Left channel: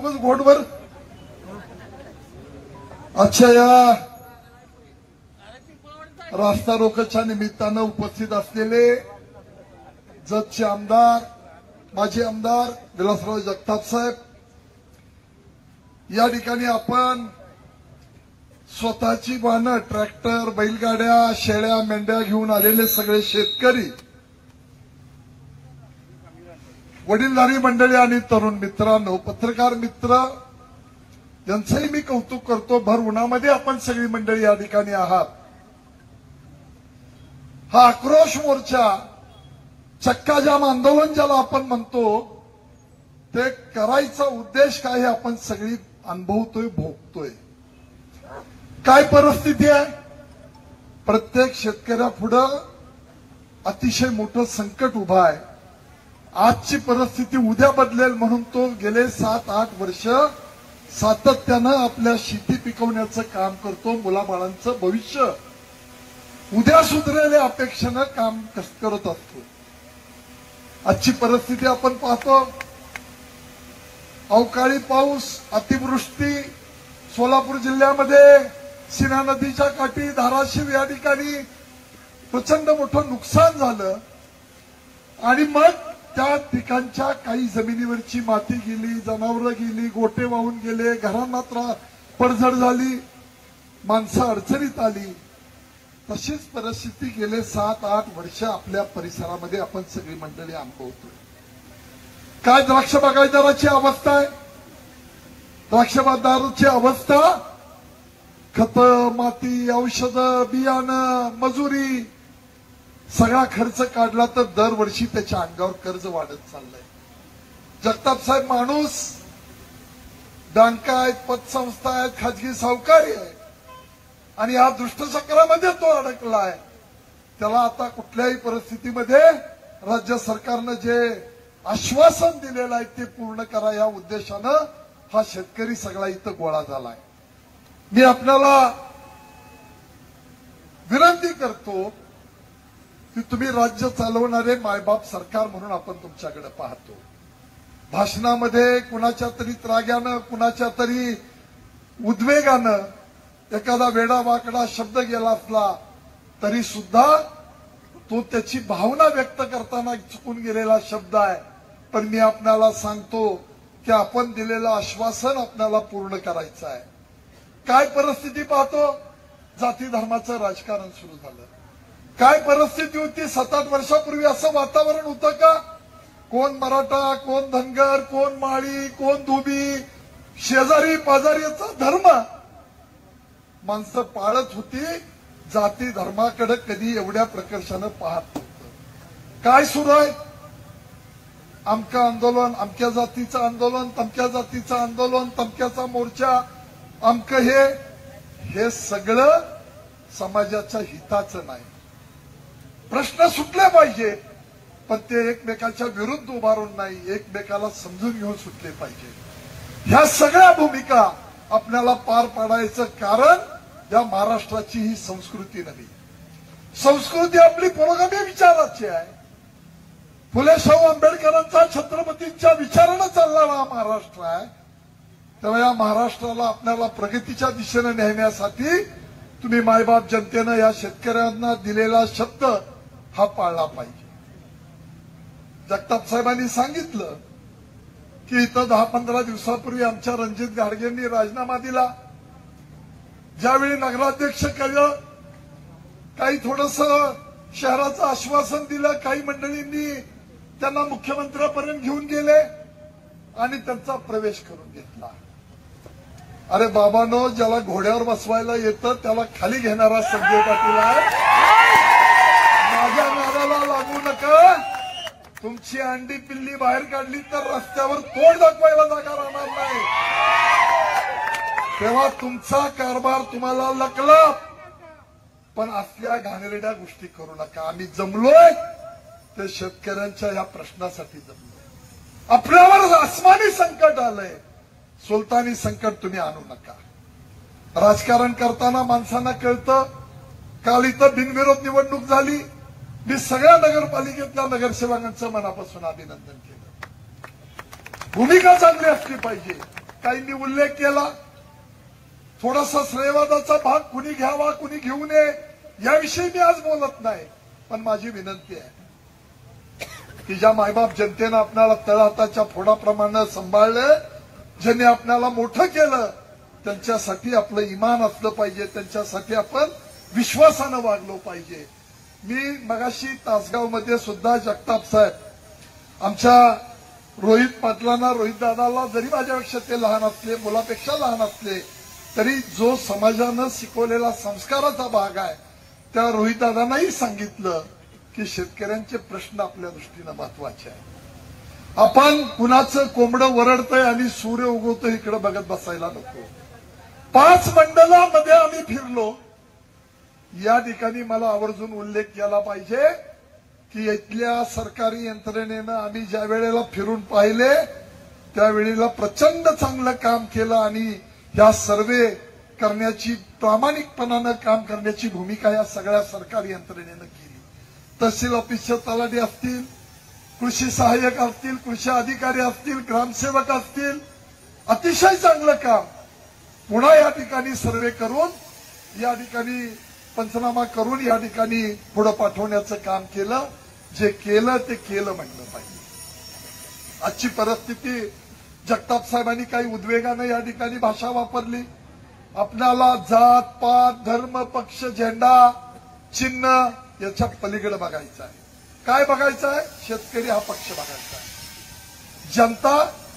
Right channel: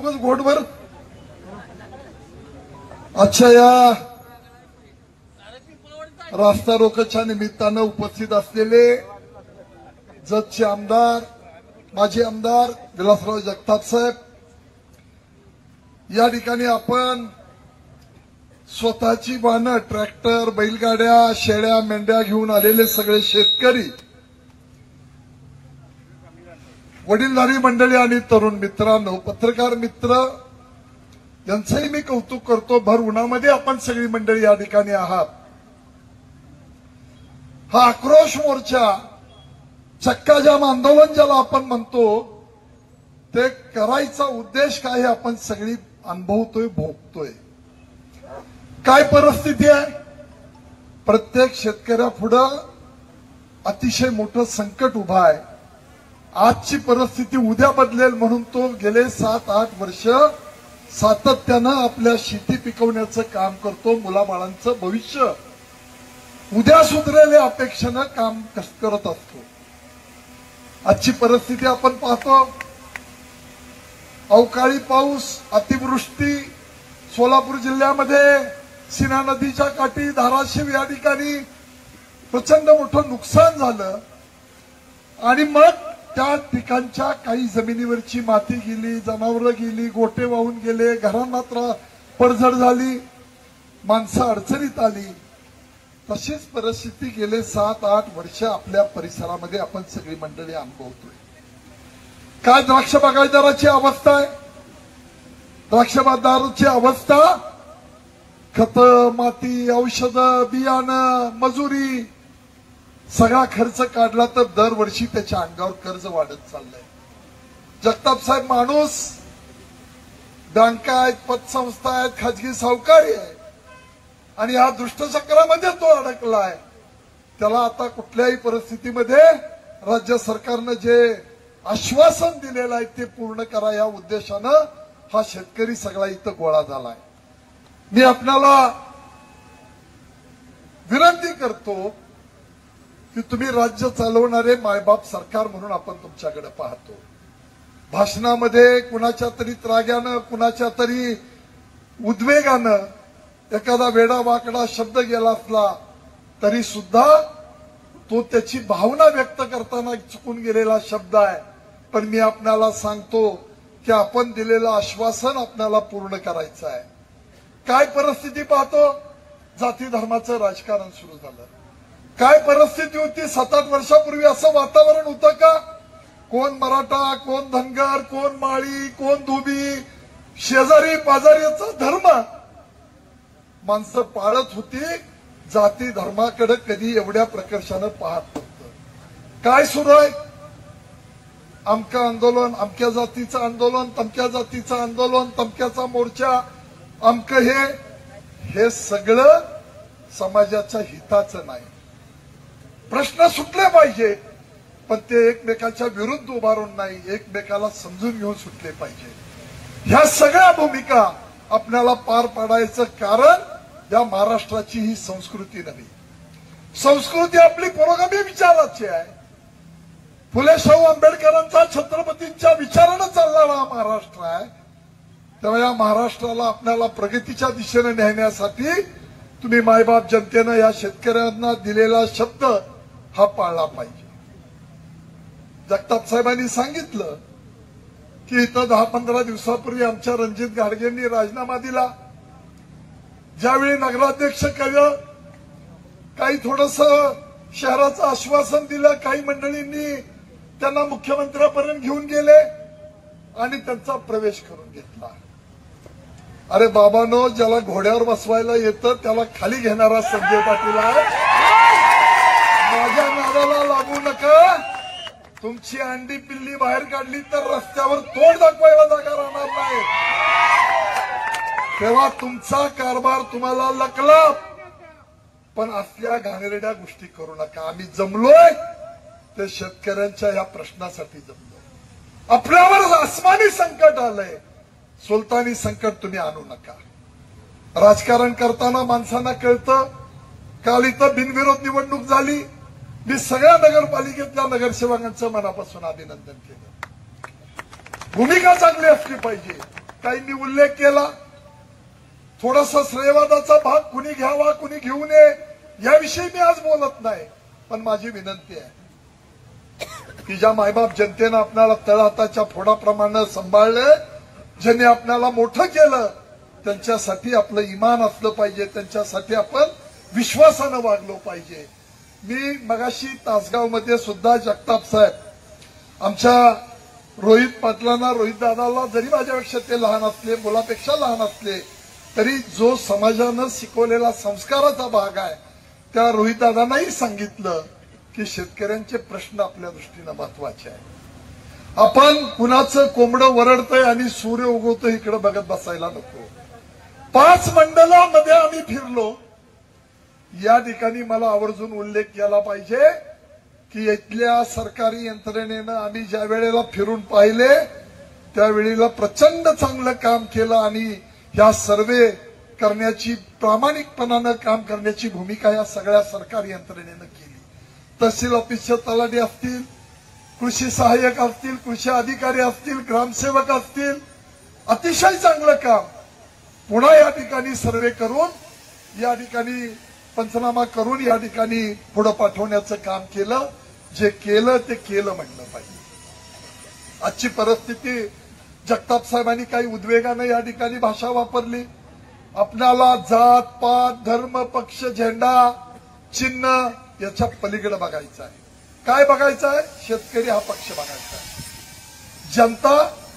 नकोस घोटभर. आजच्या या रास्ता रोकोच्या निमित्तानं उपस्थित असलेले जतचे आमदार, माजी आमदार विलासराव जगताप साहेब, या ठिकाणी आपण स्वतःची वाहनं, ट्रॅक्टर, बैलगाड्या, शेळ्या, मेंढ्या घेऊन आलेले सगळे शेतकरी, वडीलधारी मंडळी आणि तरुण मित्रांनो, पत्रकार मित्र यांचंही मी कौतुक करतो. भर उन्हामध्ये आपण सगळी मंडळी या ठिकाणी आहात. हा आक्रोश मोर्चा, चक्काजाम आंदोलन ज्याला आपण म्हणतो, ते करायचा उद्देश काय हे आपण सगळी अनुभवतोय, भोगतोय. काय परिस्थिती आहे? प्रत्येक शेतकऱ्यापुढं अतिशय मोठं संकट उभं आहे. आजची परिस्थिती उद्या बदलेल म्हणून तो गेले 7-8 वर्ष सातत्यानं आपल्या शेती पिकवण्याचं काम करतो. मुलाबाळांचं भविष्य उद्या सुधरेल या अपेक्षेनं काम करत असतो. आजची परिस्थिती आपण पाहतो. अवकाळी पाऊस, अतिवृष्टी, सोलापूर जिल्ह्यामध्ये सीना नदीच्या काठी, धाराशिव या ठिकाणी प्रचंड मोठं नुकसान झालं आणि मग त्या ठिकाणच्या काही जमिनीवरची माती गेली, जनावरं गेली, गोटे वाहून गेले, घरांना पडझड झाली, माणसं अडचणीत आली. तशीच परिस्थिती गेले 7-8 वर्ष आपल्या परिसरामध्ये आपण सगळी मंडळी अनुभवतोय. काय द्राक्ष बागायतदाराची अवस्था आहे? द्राक्ष बागायतदाराची अवस्था, खतं, माती, औषधं, बियाणं, मजुरी, सगळा खर्च काढला तर दरवर्षी त्याच्या अंगावर कर्ज वाढत चाललंय. जगताप साहेब माणूस, बँका आहेत, पतसंस्था आहेत, खाजगी सावकारी आहे आणि या दुष्टचक्रामध्ये तो अडकला आहे. त्याला आता कुठल्याही परिस्थितीमध्ये राज्य सरकारनं जे आश्वासन दिलेलं आहे ते पूर्ण करा या उद्देशानं हा शेतकरी सगळा इथं गोळा झाला. मी आपल्याला विनंती करतो की तुम्ही राज्य चालवणारे मायबाप सरकार म्हणून आपण तुमच्याकडे पाहतो. भाषणामध्ये कुणाच्या तरी त्राग्यानं, कुणाच्या तरी उद्वेगानं एखादा वेडा वाकडा शब्द गेला असला तरी सुद्धा तो त्याची भावना व्यक्त करताना चुकून गेलेला शब्द आहे. पण मी आपल्याला सांगतो की आपण दिलेलं आश्वासन आपल्याला पूर्ण करायचं आहे. काय परिस्थिती पाहतो? जाती धर्माचं राजकारण सुरू झालं. काय परिस्थिती होती 7-8 वर्षापूर्वी? असं वातावरण होतं का? कोण मराठा, कोण धनगर, कोण माळी, कोण धोबी, शेजारी पाजारीचा धर्म माणसं पाळत होती. जाती धर्माकडे कधी एवढ्या प्रकर्षानं पाहत नव्हतं. काय सुरू आहे? अमकं आंदोलन, अमक्या जातीचं आंदोलन, तमक्या जातीचं आंदोलन, तमक्याचा मोर्चा, अमकं हे सगळं समाजाच्या हिताचं नाही. प्रश्न सुटले पाहिजे पण ते एकमेकाच्या विरुद्ध उभारून नाही, एकमेकाला समजून घेऊन सुटले पाहिजे. ह्या सगळ्या भूमिका आपल्याला पार पाडायचं कारण या महाराष्ट्राची ही संस्कृती नव्हे. संस्कृती आपली पुरोगामी विचाराची आहे. फुले शाहू आंबेडकरांचा, छत्रपतींच्या विचारानं चालणारा हा महाराष्ट्र आहे. तेव्हा या महाराष्ट्राला आपल्याला प्रगतीच्या दिशेने नेण्यासाठी तुम्ही मायबाप जनतेनं या शेतकऱ्यांना दिलेला शब्द हा पाळला पाहिजे. जगताप साहेबांनी सांगितलं की इथं 10-15 दिवसापूर्वी आमच्या रणजित गाडगेंनी राजीनामा दिला. ज्यावेळी नगराध्यक्ष केलं, काही थोडंसं शहराचं आश्वासन दिलं, काही मंडळींनी त्यांना मुख्यमंत्र्यापर्यंत घेऊन गेले आणि त्यांचा प्रवेश करून घेतला. अरे बाबांनो, ज्याला घोड्यावर बसवायला येतं त्याला खाली घेणारा संजय पाटील आहे. माझ्या नादाला लागू नका. तुमची अंडी पिल्ली बाहेर काढली तर रस्त्यावर तोड दाखवायला जागा राहणार नाही. तेव्हा तुमचा कारभार तुम्हाला लकला. पण असल्या घाणेरड्या गोष्टी करू नका. आम्ही जमलोय ते शेतकऱ्यांच्या या प्रश्नासाठी जमलोय. आपल्यावर आसमानी संकट आलंय, सुलतानी संकट तुम्ही आणू नका. राजकारण करताना माणसांना कळतं. काल इथं बिनविरोध निवडणूक झाली. मी सगळ्या नगरपालिकेतल्या नगरसेवकांचं मनापासून अभिनंदन केलं. भूमिका चांगली असली पाहिजे. काहींनी उल्लेख केला, थोडासा श्रेयवादाचा भाग कुणी घ्यावा कुणी घेऊ नये याविषयी मी आज बोलत नाही. पण माझी विनंती आहे की ज्या मायबाप जनतेनं आपल्याला तळहाताच्या फोडाप्रमाणे सांभाळलं, ज्यांनी आपल्याला मोठं केलं, त्यांच्यासाठी आपलं इमान असलं पाहिजे, त्यांच्यासाठी आपण विश्वासानं वागलो पाहिजे. मी मगाशी तासगावमध्ये सुद्धा जगताप साहेब आमच्या रोहित पाटलांना, रोहित दादाला, जरी माझ्यापेक्षा ते लहान असले, मुलापेक्षा लहान असले, तरी जो समाजानं शिकवलेला संस्काराचा भाग आहे त्या रोहित दादांनाही सांगितलं की शेतकऱ्यांचे प्रश्न आपल्या दृष्टीनं महत्वाचे आहे. आपण कुणाचं कोंबडं वरडतंय आणि सूर्य उगवतोय इकडे बघत बसायला नको. 5 मंडलामध्ये आम्ही फिरलो. या ठिकाणी मला आवर्जून उल्लेख केला पाहिजे की इथल्या सरकारी यंत्रणेनं आम्ही ज्या वेळेला फिरून पाहिले त्यावेळेला प्रचंड चांगलं काम केलं आणि या सर्वे करण्याची, प्रामाणिकपणानं काम करण्याची भूमिका या सगळ्या सरकारी यंत्रणेनं केली. तहसील ऑफिसचे तलाठी असतील, कृषी सहाय्यक असतील, कृषी अधिकारी असतील, ग्रामसेवक असतील, अतिशय चांगलं काम. पुन्हा या ठिकाणी सर्वे करून, या ठिकाणी पंचनामा करून या ठिकाणी पुढे पाठवण्याचं काम केलं. जे केलं ते केलं म्हणलं पाहिजे. आजची परिस्थिती, जगताप साहेबांनी काही उद्वेगानं या ठिकाणी भाषा वापरली. आपल्याला जात पात धर्म पक्ष झेंडा चिन्ह याच्या पलीकडे बघायचं आहे. काय बघायचं आहे? शेतकरी हा पक्ष बघायचा आहे. जनता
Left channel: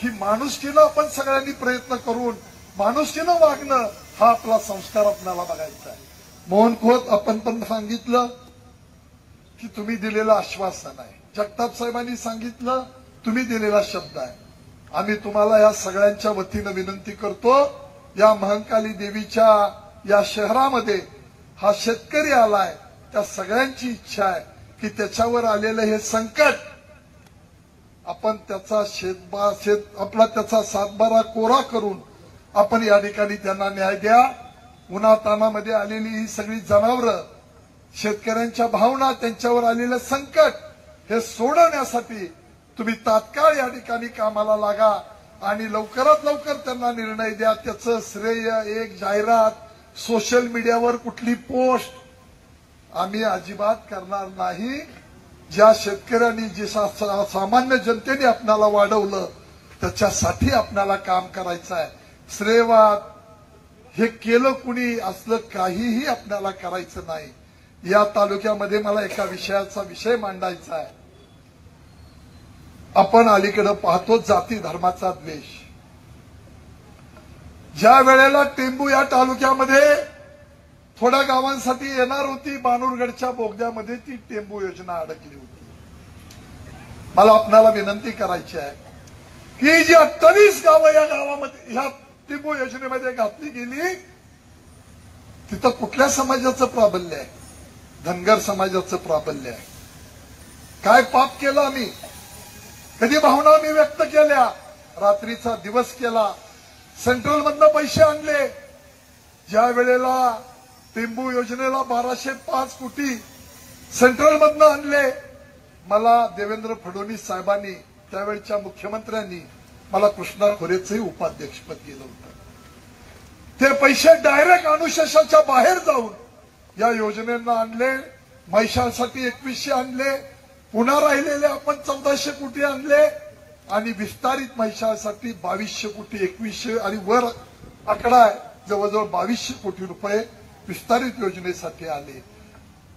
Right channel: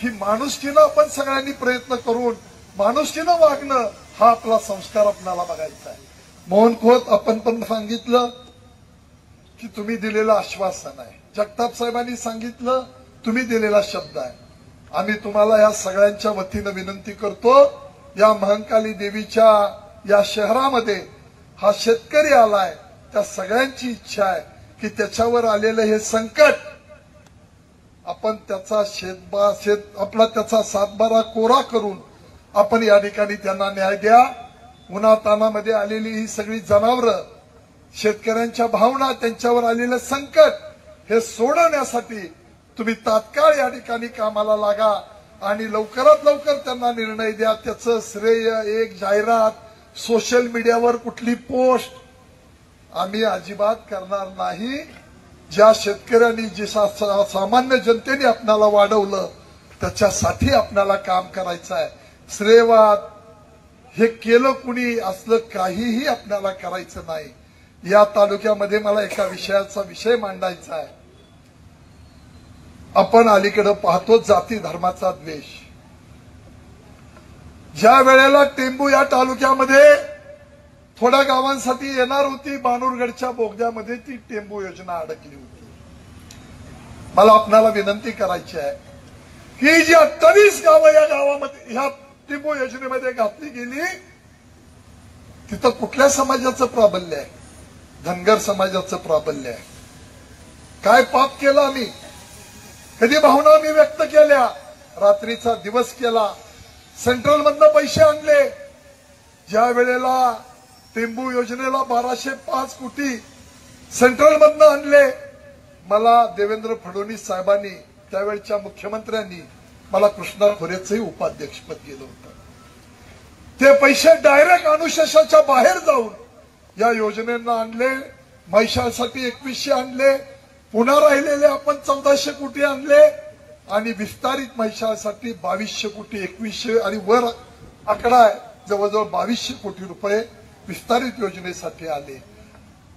ही माणुसकीनं आपण सगळ्यांनी प्रयत्न करून माणुसकीनं वागणं हा आपला संस्कार आपल्याला बघायचा आहे. मोहन खोत आपण पण सांगितलं की तुम्ही दिलेलं आश्वासन आहे. जगताप साहेबांनी सांगितलं तुम्ही दिलेला शब्द आहे. आम्ही तुम्हाला या सगळ्यांच्या वतीनं विनंती करतो, या महाकाली देवीच्या या शहरामध्ये हा शेतकरी आलाय, त्या सगळ्यांची इच्छा आहे की त्याच्यावर आलेलं हे संकट आपण त्याचा आपला त्याचा सातबारा कोरा करून आपण या ठिकाणी त्यांना न्याय द्या. उन्हातानामध्ये आलेली ही सगळी जनावरं, शेतकऱ्यांच्या भावना, त्यांच्यावर आलेलं संकट हे सोडवण्यासाठी तुम्ही तात्काळ या ठिकाणी कामाला लागा आणि लवकरात लवकर त्यांना निर्णय द्या. त्याचं श्रेय, एक जाहिरात, सोशल मीडियावर कुठली पोस्ट आम्ही अजिबात करणार नाही. ज्या शेतकऱ्यांनी, जी सामान्य जनतेने आपल्याला वाढवलं त्याच्यासाठी आपल्याला काम करायचं आहे. श्रेयवाद हे केलं कुणी असलं काहीही आपल्याला करायचं नाही. या तालुक्यामध्ये मला एका विषय मांडायचा आहे. आपण अलीकडे पाहतो जाती धर्माचा द्वेष. ज्या वेळेला टेंबू या तालुक्यामध्ये थोड्या गावांसाठी येणार होती, बाणूरगडच्या बोगद्यामध्ये ती टेंबू योजना अडकली होती. मला आपल्याला विनंती करायची आहे की जी 28 गावं या गावामध्ये ह्या टेंबू योजनेमध्ये घातली गेली, तिथं कुठल्या समाजाचं प्राबल्य आहे? धनगर समाजाचं प्राबल्य आहे. काय पाप केलं आम्ही? कधी भावना आम्ही व्यक्त केल्या? रात्रीचा दिवस केला. सेंट्रलमधनं पैसे आणले. ज्या वेळेला टेंबू योजनेला 1205 कोटी सेंट्रलमधनं आणले, मला देवेंद्र फडणवीस साहेबांनी, त्यावेळच्या मुख्यमंत्र्यांनी मला कृष्णा खोरेचंही उपाध्यक्षपद केलं होतं. ते पैसे डायरेक्ट अनुशेषाच्या बाहेर जाऊन या योजनेला आणले. म्हैसाळसाठी 2100 आणले, पुन्हा राहिलेले आपण 1400 कोटी आणले आणि विस्तारित म्हैसाळसाठी 2200 कोटी, 2100 आणि वर आकडा आहे जवळजवळ 2200 कोटी रुपये विस्तारित योजनेसाठी आले.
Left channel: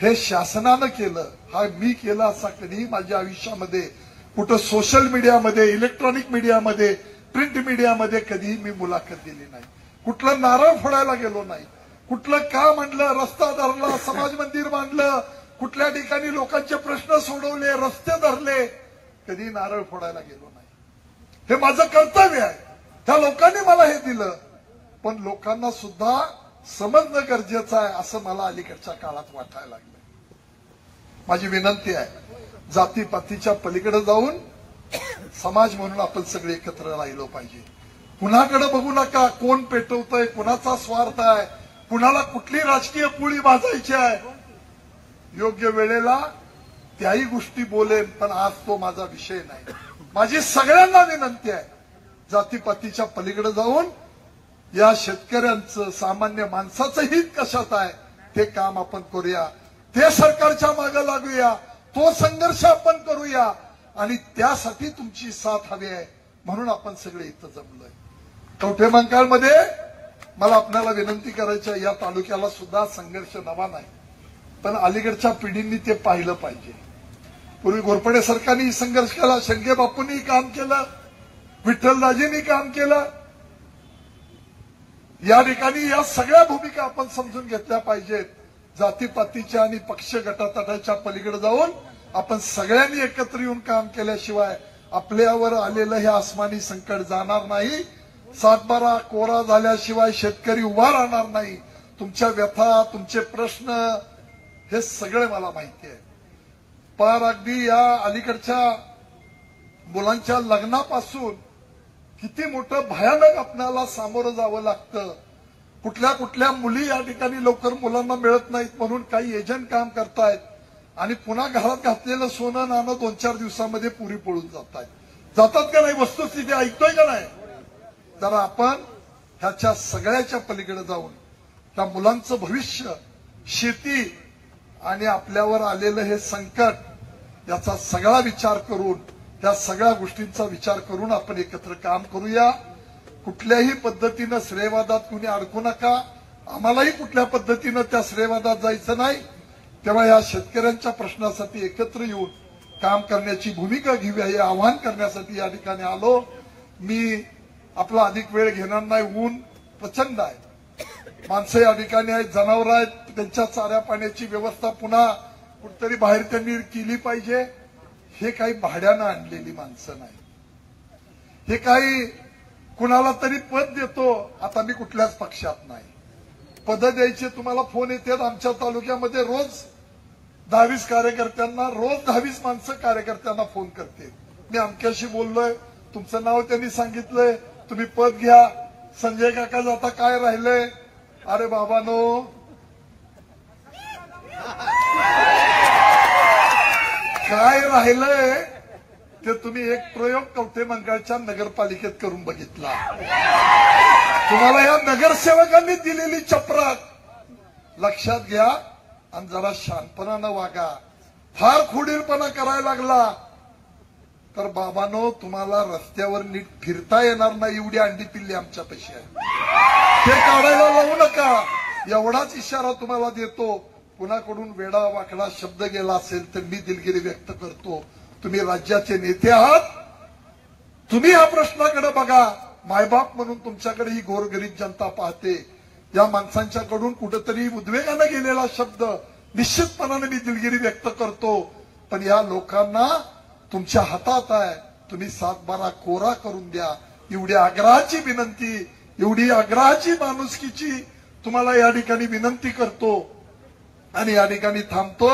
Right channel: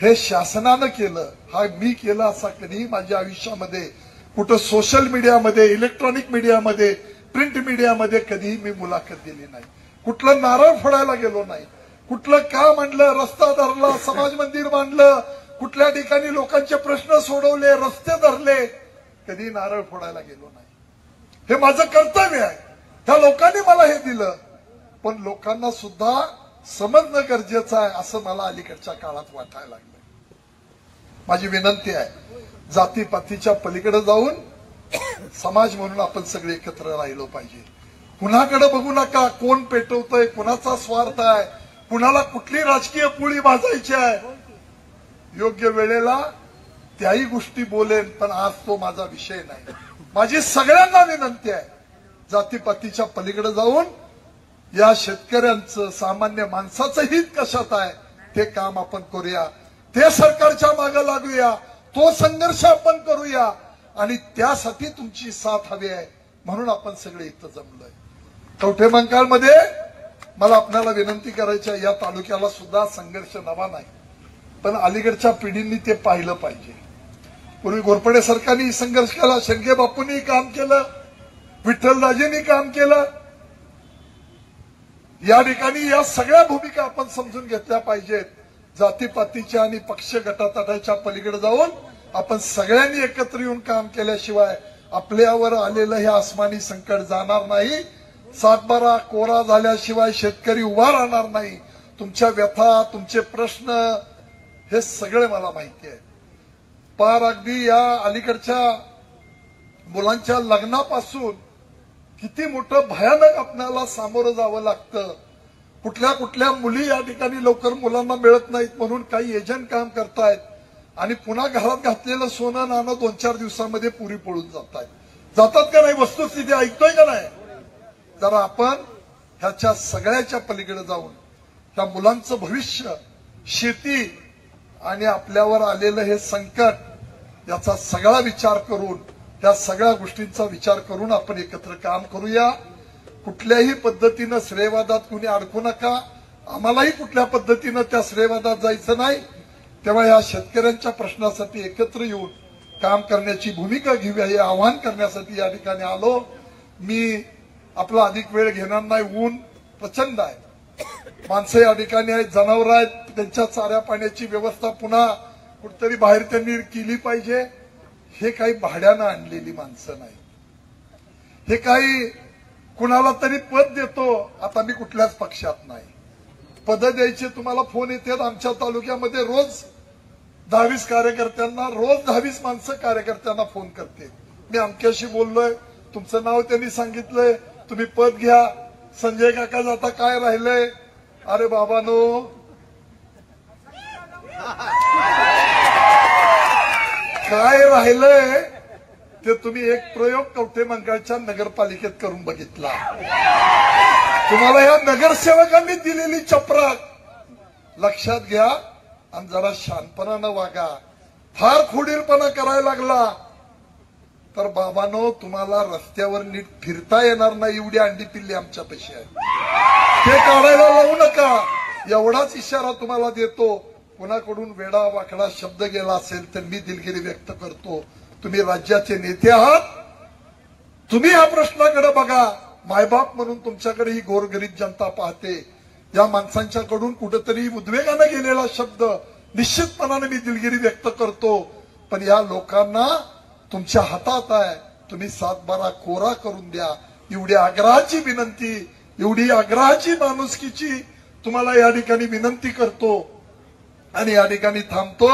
हे शासनानं केलं. हा मी केलं असा कधीही माझ्या आयुष्यामध्ये कुठं सोशल मीडियामध्ये, इलेक्ट्रॉनिक मीडियामध्ये, प्रिंट मीडियामध्ये कधीही मी मुलाखत दिली नाही. कुठलं नारळ फोडायला गेलो नाही. कुठलं काम आणलं, रस्ता धरला, समाज मंदिर बांधलं, कुठल्या ठिकाणी लोकांचे प्रश्न सोडवले, रस्ते धरले, कधी नारळ फोडायला गेलो नाही. हे माझं कर्तव्य आहे. त्या लोकांनी मला हे दिलं, पण लोकांना सुद्धा समजणं गरजेचं आहे असं मला अलीकडच्या काळात वाटायला लागलं. माझी विनंती आहे, जातीपातीच्या पलीकडे जाऊन समाज म्हणून आपण सगळे एकत्र राहिलो पाहिजे. कुणाकडे बघू नका. कोण पेटवतोय, कुणाचा स्वार्थ आहे, कुणाला कुठली राजकीय पोळी भाजायची आहे. योग्य वेळेला त्याही गोष्टी बोलेन, पण आज तो माझा विषय नाही. माझी सगळ्यांना विनंती आहे जातीपातीच्या पलीकडे जाऊन या शेतकऱ्यांचं सामान्य माणसाचं हित कशात आहे ते काम आपण करूया, ते सरकारच्या मागे लागूया, तो संघर्ष आपण करूया आणि त्यासाठी तुमची साथ हवी आहे म्हणून आपण सगळे इथं जमलोय. कवठे मंकाळमध्ये मला आपल्याला विनंती करायची आहे, या तालुक्याला सुद्धा संघर्ष नवा नाही, पण अलीकडच्या पिढींनी ते पाहिलं पाहिजे. पूर्वी घोरपडे सरकारने संघर्ष केला, शेंगे बापूंनी काम केलं, विठ्ठलराजेंनी काम केलं. या ठिकाणी या सगळ्या भूमिका आपण समजून घेतल्या पाहिजेत. जातीपातीच्या आणि पक्ष गटातटाच्या पलीकडे जाऊन आपण सगळ्यांनी एकत्र येऊन काम केल्याशिवाय आपल्यावर आलेलं हे आसमानी संकट जाणार नाही. सातबारा कोरा झाल्याशिवाय शेतकरी उभा राहणार नाही. तुमच्या व्यथा, तुमचे प्रश्न हे सगळे मला माहिती आहे. पार अगदी या अलीकडच्या मुलांच्या लग्नापासून किती मोठं भयानक आपल्याला सामोरं जावं लागतं. कुठल्या कुठल्या मुली या ठिकाणी लवकर मुलांना मिळत नाहीत म्हणून काही एजंट काम करतायत आणि पुन्हा घरात घातलेलं सोनं नाणं 2-4 दिवसामध्ये पुरी पळून जातात का नाही? वस्तुस्थिती ऐकतोय का नाही? तर आपण ह्याच्या सगळ्याच्या पलीकडे जाऊन त्या मुलांचं भविष्य, शेती आणि आपल्यावर आलेलं हे संकट याचा सगळा विचार करून, त्या सगळ्या गोष्टींचा विचार करून आपण एकत्र काम करूया. कुठल्याही पद्धतीनं श्रेयवादात कुणी अडकू नका. आम्हालाही कुठल्या पद्धतीनं त्या श्रेयवादात जायचं नाही. तेव्हा या शेतकऱ्यांच्या प्रश्नासाठी एकत्र येऊन काम करण्याची भूमिका घेऊया हे आवाहन करण्यासाठी या ठिकाणी आलो. मी आपला अधिक वेळ घेणार नाही. ऊन प्रचंड आहे, माणसं या ठिकाणी आहेत, जनावर आहेत, त्यांच्या चाऱ्या पाण्याची व्यवस्था पुन्हा कुठेतरी बाहेर त्यांनी केली पाहिजे. हे काही भाड्यानं आणलेली माणसं नाही. हे काही कुणाला तरी पद देतो. आता मी कुठल्याच पक्षात नाही. पद द्यायचे तुम्हाला फोन येतात. आमच्या तालुक्यामध्ये रोज 10-20 कार्यकर्त्यांना, रोज 10-20 माणसं कार्यकर्त्यांना फोन करते. मी अमक्याशी बोललोय, तुमचं नाव त्यांनी सांगितलंय, तुम्ही पद घ्या. संजय काका आता काय राहिलंय? अरे बाबानो, काय राहिलंय ते तुम्ही एक प्रयोग कवठे मंकाळच्या नगरपालिकेत करून बघितला. तुम्हाला या नगरसेवकांनी दिलेली चपराक लक्षात घ्या आणि जरा शांतपणानं वागा. फार खोडीलपणा करायला लागला तर बाबांनो तुम्हाला रस्त्यावर नीट फिरता येणार नाही. एवढी अंडी पिल्ली आमच्यापेक्षा आहे. ते काढायला लावू नका. एवढाच इशारा तुम्हाला देतो. कुणाकडून वेडा वाकडा शब्द गेला असेल तर मी दिलगिरी व्यक्त करतो. तुम्ही राज्याचे नेते आहात. तुम्ही या प्रश्नाकडे बघा. मायबाप म्हणून तुमच्याकडे ही गोरगरीब जनता पाहते. या माणसांच्याकडून कुठेतरी उद्वेगानं गेलेला शब्द निश्चितपणाने मी दिलगिरी व्यक्त करतो. पण या लोकांना तुमच्या हातात आहे. तुम्ही 7-12 कोरा करून द्या. एवढी आग्रहाची विनंती, एवढी आग्रहाची माणुसकीची तुम्हाला या ठिकाणी विनंती करतो आणि या ठिकाणी थांबतो.